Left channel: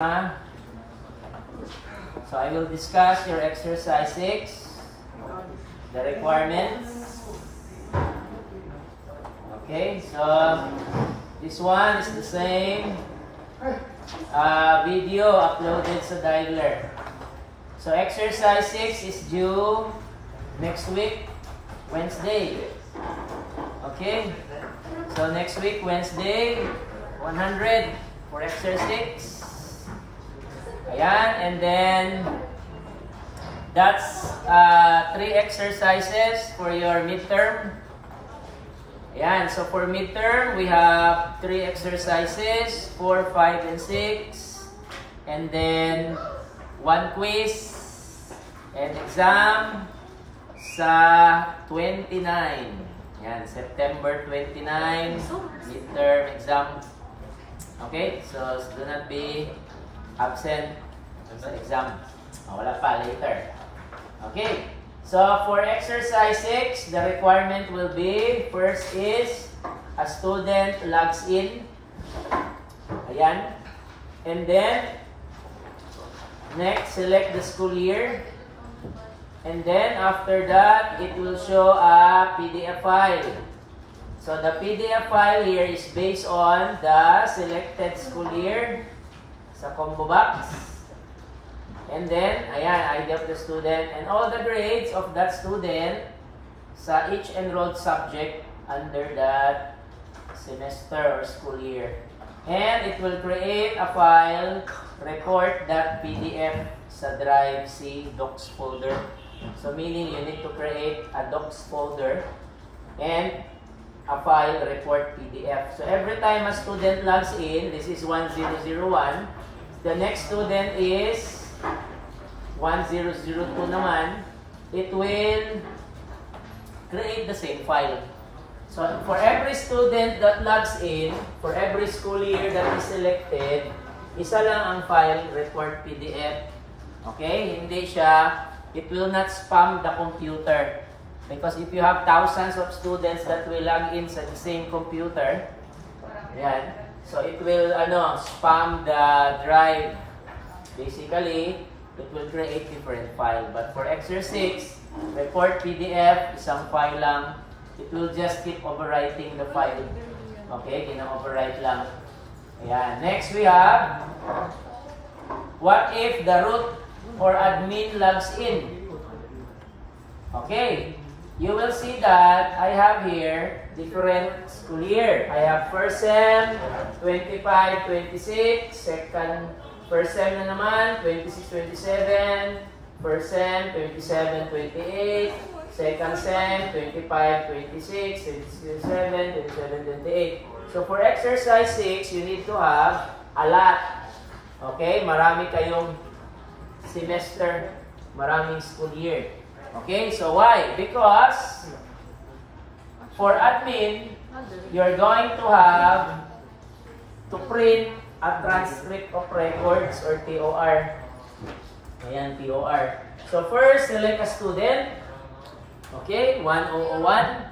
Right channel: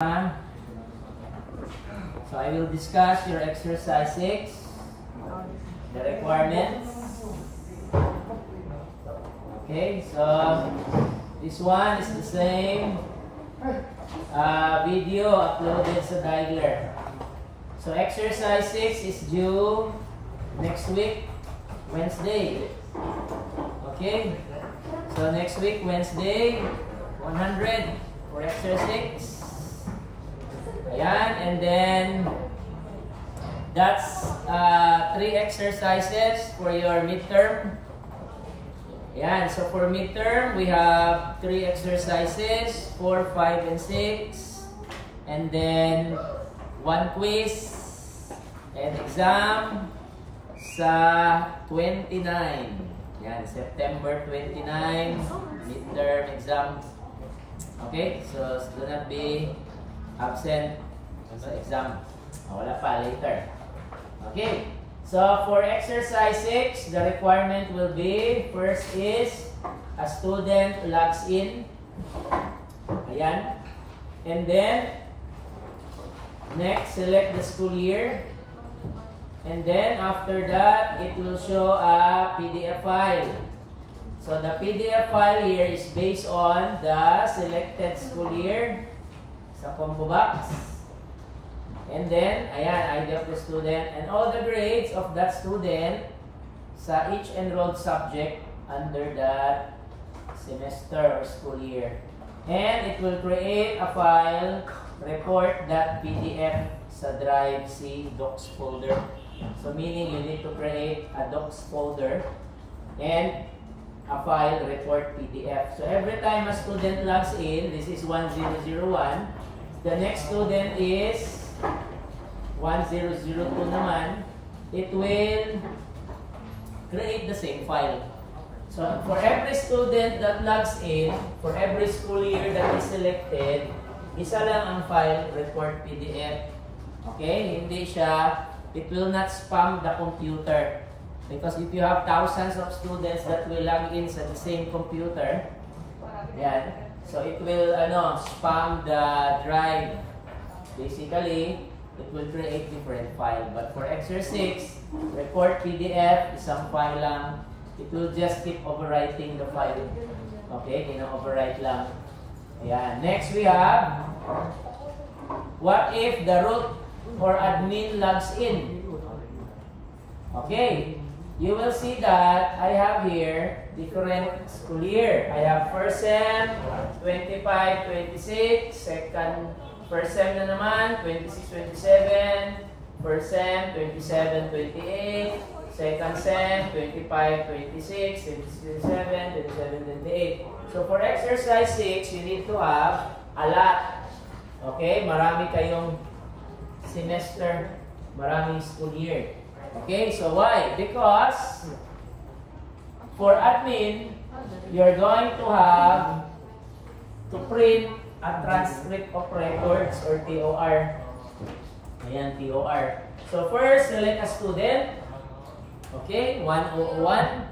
So I will discuss your exercise 6, the requirements. Okay, so this one is the same video uploaded sa Dialer. So exercise 6 is due next week, Wednesday. Okay, so next week, Wednesday, 100 for exercise 6. Ayan, and then that's 3 exercises for your midterm. Ayan, so for midterm, we have 3 exercises, 4, 5, and 6. And then 1 quiz and exam sa 29. Ayan, September 29, midterm exam. Okay, so do not be absent sa exam. Wala pa, later. Okay. So, for exercise 6, the requirement will be, first is, a student logs in. Ayan. And then, next, select the school year. And then, after that, it will show a PDF file. So, the PDF file here is based on the selected school year sa combo box. And then, ayan, ID of the student and all the grades of that student sa each enrolled subject under that semester or school year. And it will create a file, report.pdf sa Drive C Docs folder. So, meaning you need to create a Docs folder and a file, report PDF. So, every time a student logs in, this is 1001, the next student is 1002 naman, it will create the same file. So, for every student that logs in, for every school year that is selected, isa lang ang file, report PDF. Okay? Hindi siya, it will not spam the computer. Because if you have thousands of students that will log in sa the same computer, yan, so it will spam the drive. Basically, it will create different file. But for exercise 6, report PDF, isang file lang. It will just keep overwriting the file. Okay, overwrite lang. Ayan. Next we have, what if the root or admin logs in? Okay, you will see that I have here different school year. I have first sem, 25-26, first sem na naman, 26-27, first sem, 27-28, second sem, 25-26, 26-27, 27-28. So for exercise 6, you need to have a lot. Okay, marami kayong semester, maraming school year. Okay, so why? Because for admin, you're going to have to print a transcript of records or TOR. Ayan, TOR. So first, select a student. Okay, 1001.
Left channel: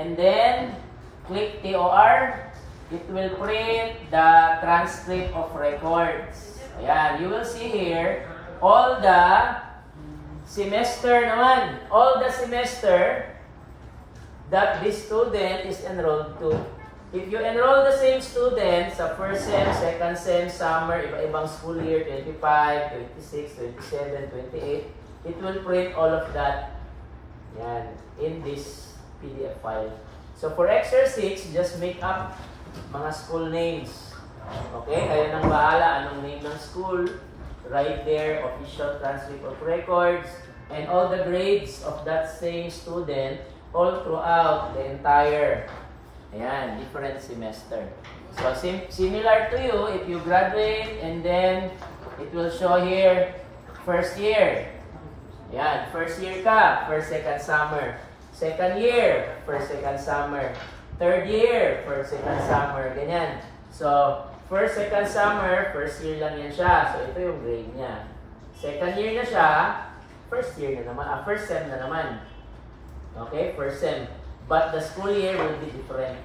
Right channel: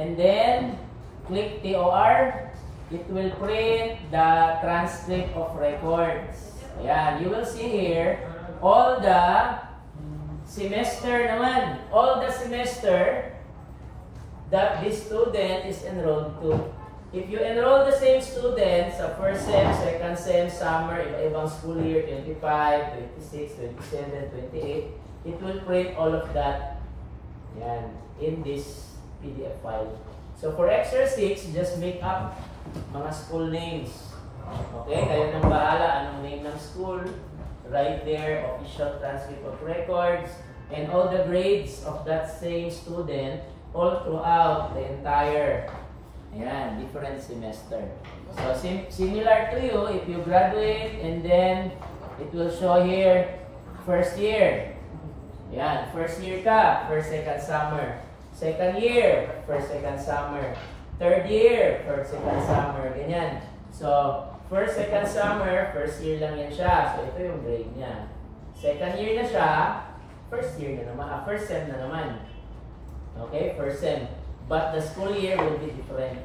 And then, click TOR. It will print the transcript of records. Ayan, you will see here, all the semester naman. All the semester that this student is enrolled to. If you enroll the same student sa first sem, second sem, summer, iba-ibang school year, 25, 26, 27, 28, it will print all of that yan, in this PDF file. So for exercise 6, just make up mga school names. Okay, kayo nang bahala anong name ng school. Right there, official transcript of records, and all the grades of that same student all throughout the entire different semester. So similar to you, if you graduate and then it will show here first year. Yan, first year ka, first, second summer. Second year, first, second summer. Third year, first, second summer. Ganyan. So first, second summer, first year lang yan siya. So ito yung grade niya. Second year na siya, first year na naman, first sem na naman. Okay, first sem. But the school year will be different.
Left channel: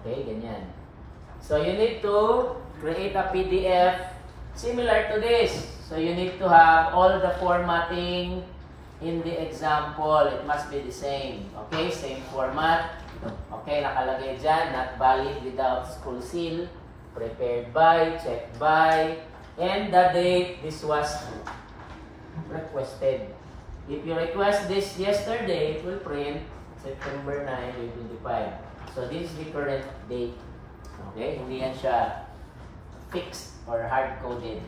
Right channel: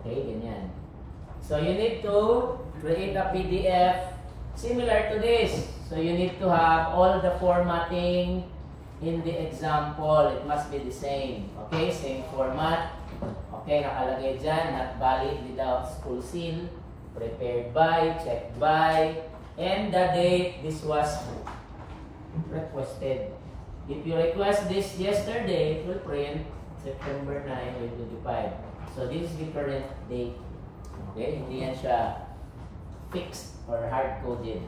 Okay, ganyan. So you need to create a PDF similar to this. So you need to have all the formatting in the example. It must be the same. Okay, same format. Okay, nakalagay dyan, not valid without school seal, prepared by, checked by, and the date this was requested. If you request this yesterday, it will print September 9, 2025. So this is the current date. Okay, hindi yan siya fixed or hard-coded.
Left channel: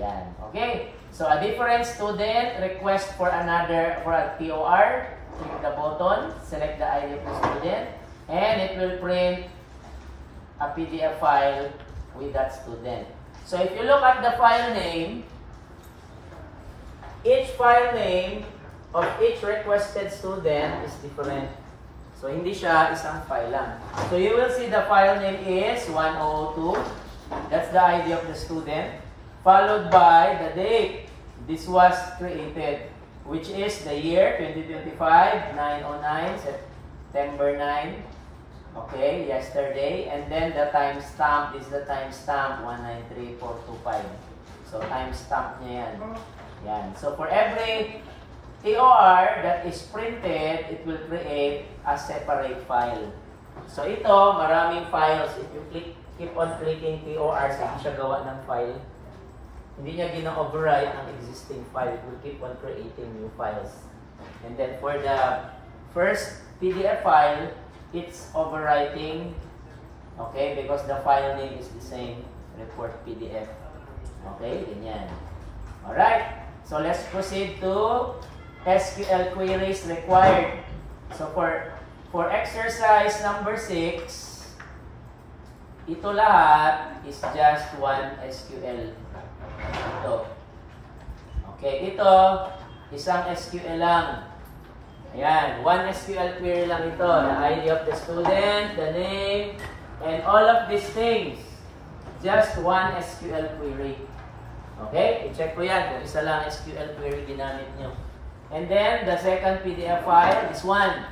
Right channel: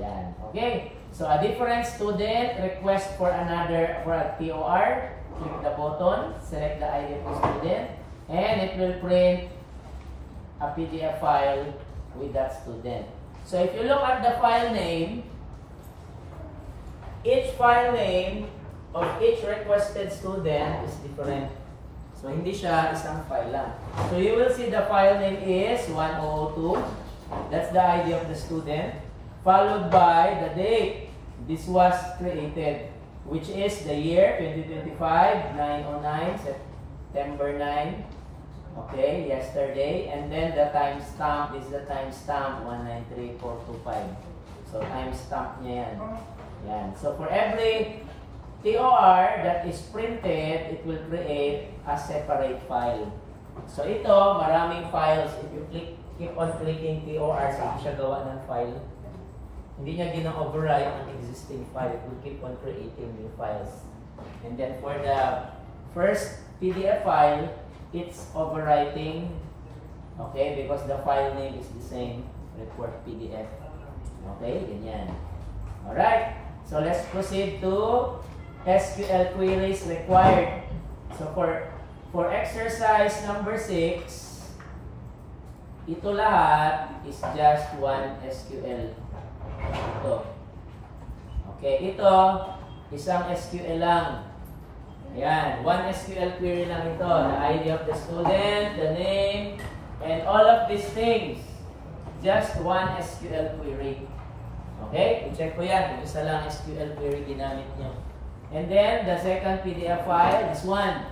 Yan. Okay, so a different student request for a TOR. Click the button, select the ID of the student, and it will print a PDF file with that student. So if you look at the file name, each file name of each requested student is different. So hindi siya isang file lang. So you will see the file name is 1002. That's the ID of the student. Followed by the date this was created, which is the year 2025, 909, September 9. Okay, yesterday. And then the timestamp, this is the timestamp, 193425. So timestamp niya yan. Yan. So for every TOR that is printed, it will create a separate file. So ito, maraming files. If you keep on clicking TORs, hindi siya gawa ng file. Hindi niya gina-override ang existing file. It will keep on creating new files. And then for the first PDF file, it's overwriting. Okay, because the file name is the same. Report PDF. Okay, ganyan. Alright, so let's proceed to SQL queries required. So for exercise number 6, ito lahat is just one SQL. Ito. Okay, ito isang SQL lang. Ayan, one SQL query lang ito. The ID of the student, the name, and all of these things. Just one SQL query. Okay, i-check ko yan kung isa lang SQL query ginamit nyo. And then, the second PDF file, this one.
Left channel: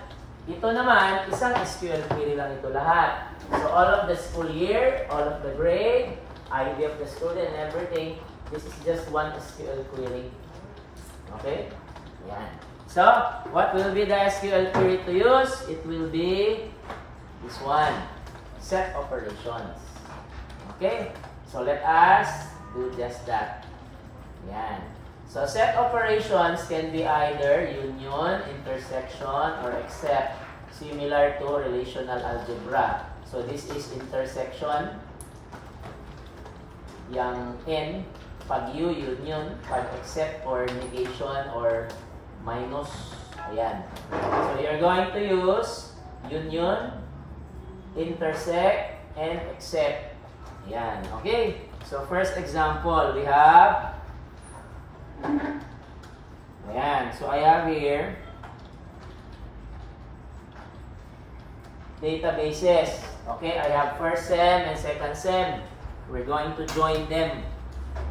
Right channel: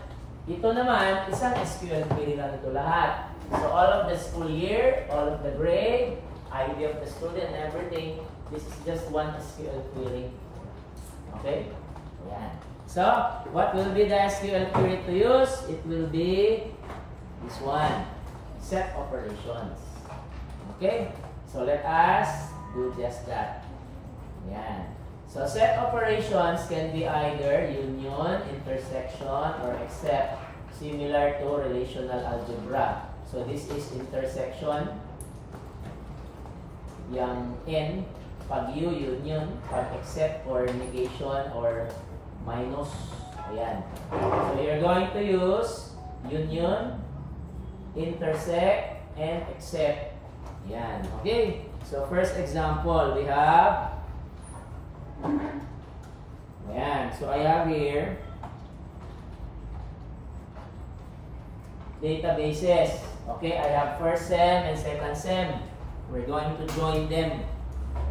Ito naman, isang SQL query lang ito lahat. So, all of the school year, all of the grade, ID of the student, and everything, this is just one SQL query. Okay? Ayan. So, what will be the SQL query to use? It will be this one. Set operations. Okay? So, let us do just that. Ayan. So, set operations can be either union, intersection, or except, similar to relational algebra. So, this is intersection. Yang N, pag U, union, pag except or negation or minus. Ayan. So, you're going to use union, intersect, and except. Ayan. Okay. So, first example, we have ayan. So, I have here databases. Okay, I have first sem and second sem. We're going to join them.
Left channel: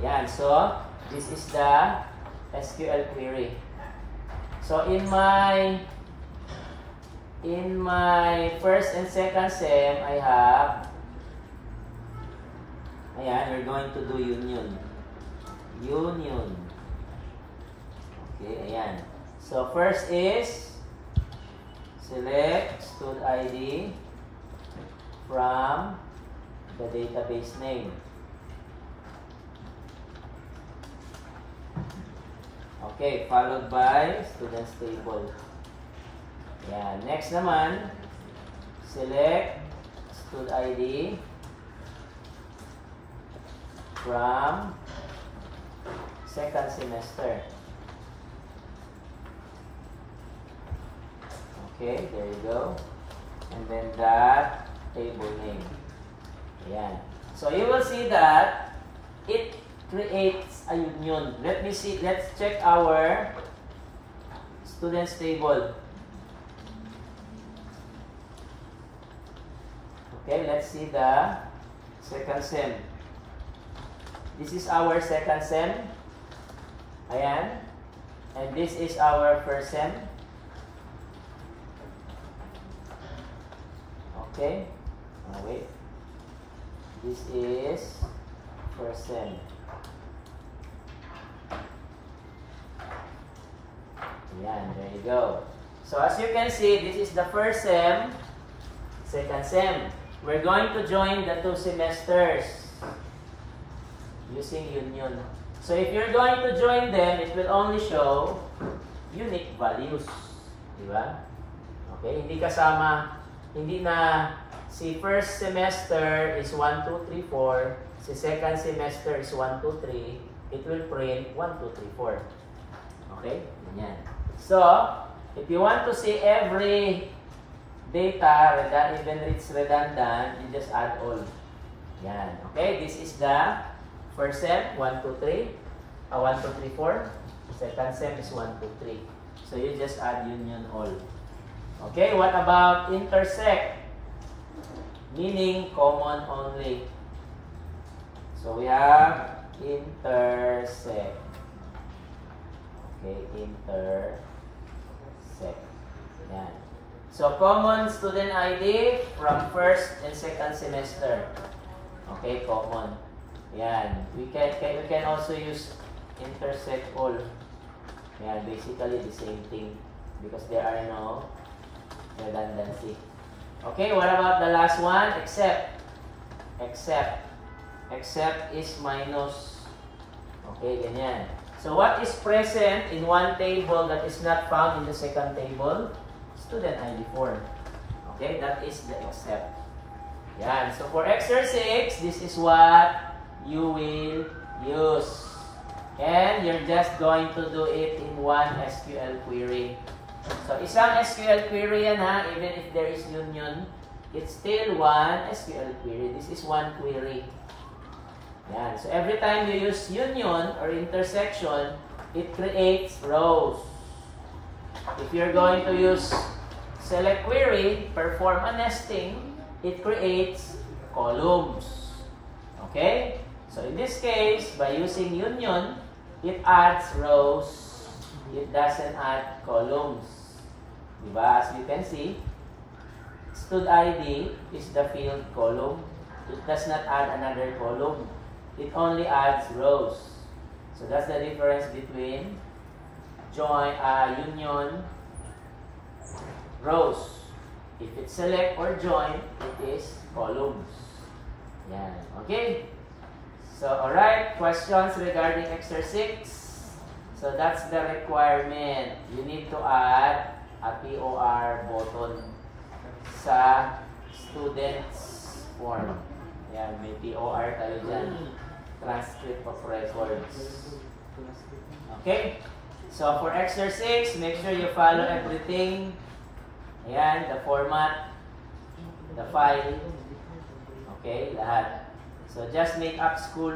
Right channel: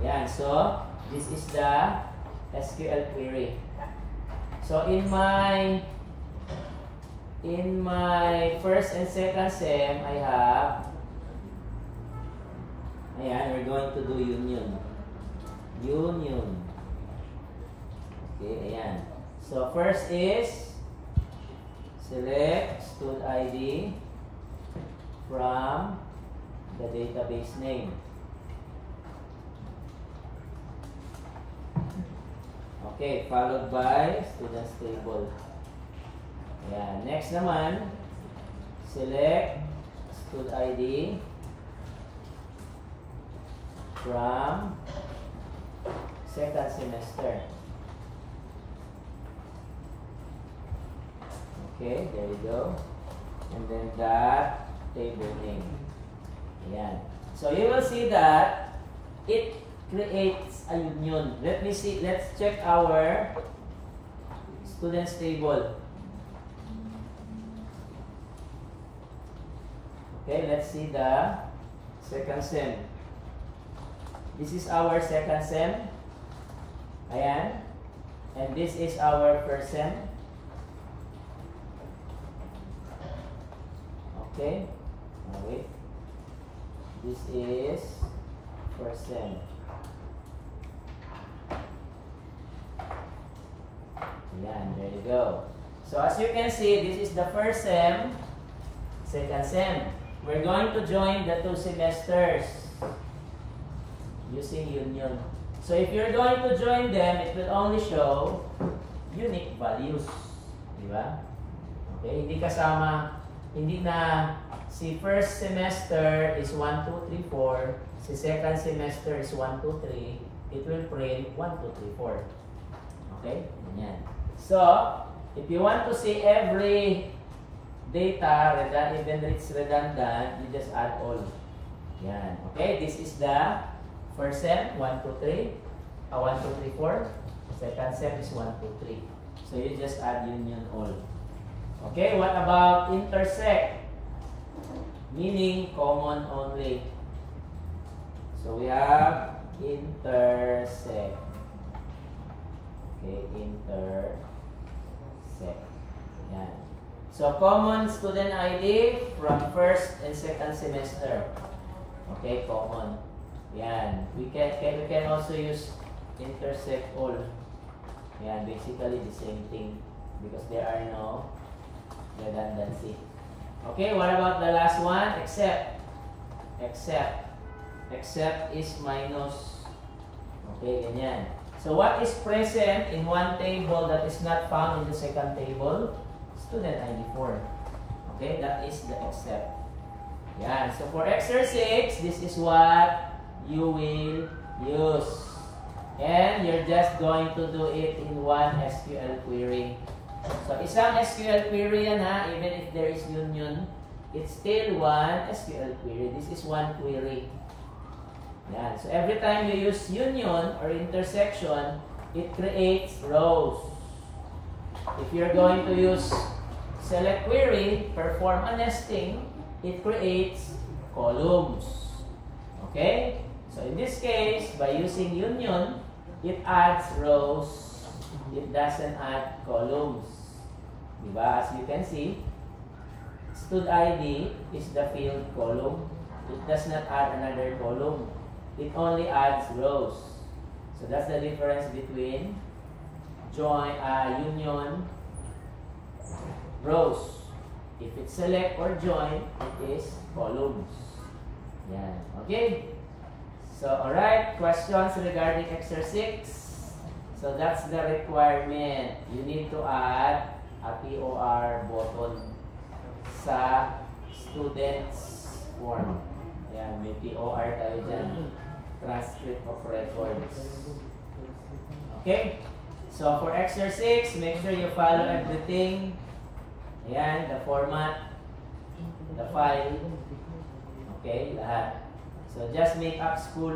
Ayan. So, this is the SQL query. So, in my first and second sem, I have ayan, we're going to do union. Union. Okay, ayan. So, first is select stud ID from the database name. Okay, followed by students table. Ayan. Next naman, select stud ID from second semester. Okay, there you go. And then that table name. Ayan. So you will see that it creates a union. Let me see, let's check our students table. Okay, let's see the second sem. This is our second sem. Ayan. And this is our first sem. Okay. Oh, wait. This is first sem. Yan, there you go. So as you can see, this is the first sem, second sem. We're going to join the two semesters using union. So if you're going to join them, it will only show unique values. Diba? Okay, hindi na si first semester is 1, 2, 3, 4, si second semester is 1, 2, 3, it will print 1, 2, 3, 4. Okay? Ganyan. So, if you want to see every data, even if it's redundant, you just add all. Yan. Okay? This is the first sem, 1, 2, 3. 1, 2, 3, 4. Second sem is 1, 2, 3. So, you just add union all. Okay? What about intersect? Meaning common only. So, we have intersect. Okay, intersect. Yan. So, common student ID from first and second semester. Okay, common. Yan. We can also use intersect all. Yan, basically the same thing because there are no redundancy. Okay, what about the last one? Except. Except. Except is minus. Okay, ganyan. So what is present in one table that is not found in the second table? Student ID form. Okay, that is the except. Yan. So for exercise 6, this is what you will use. And you're just going to do it in one SQL query. So isang SQL query yan ha, even if there is union, it's still one SQL query. This is one query. Yan. So every time you use union or intersection, it creates rows. If you're going to use select query, perform a nesting, it creates columns. Okay? So in this case, by using union, it adds rows. It doesn't add columns. Diba? As you can see, stud ID is the field column. It does not add another column. It only adds rows. So that's the difference between union rows. If it's select or join, it is columns. Yan. Okay? So, alright. Questions regarding exercise 6? So, that's the requirement. You need to add a POR button sa students form. Yan. May POR tayo dyan. Transcript of records. Okay? So, for exercise 6, make sure you follow everything. Ayan, the format, the file. Okay, lahat. So, just make up school.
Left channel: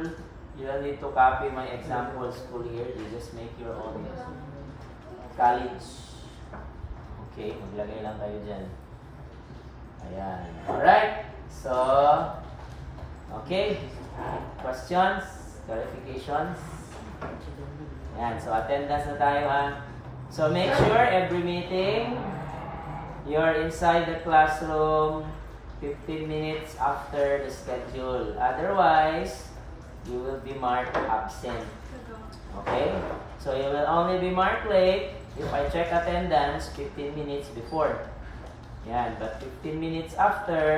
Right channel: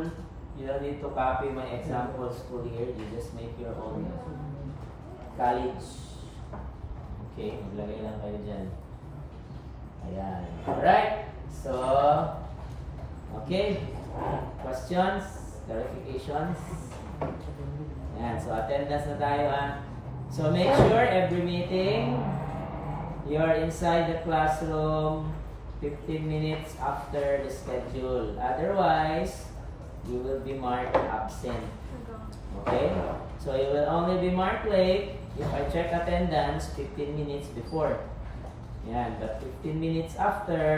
You don't need to copy my example school here. You just make your own college. Okay, maglagay lang kayo dyan. Ayan. Alright. So, okay. Questions? Clarifications? Ayan. So, attendance na tayo ha. So, make sure every meeting, you're inside the classroom 15 minutes after the schedule. Otherwise, you will be marked absent. Okay? So, you will only be marked late if I check attendance 15 minutes before. Yan. But 15 minutes after,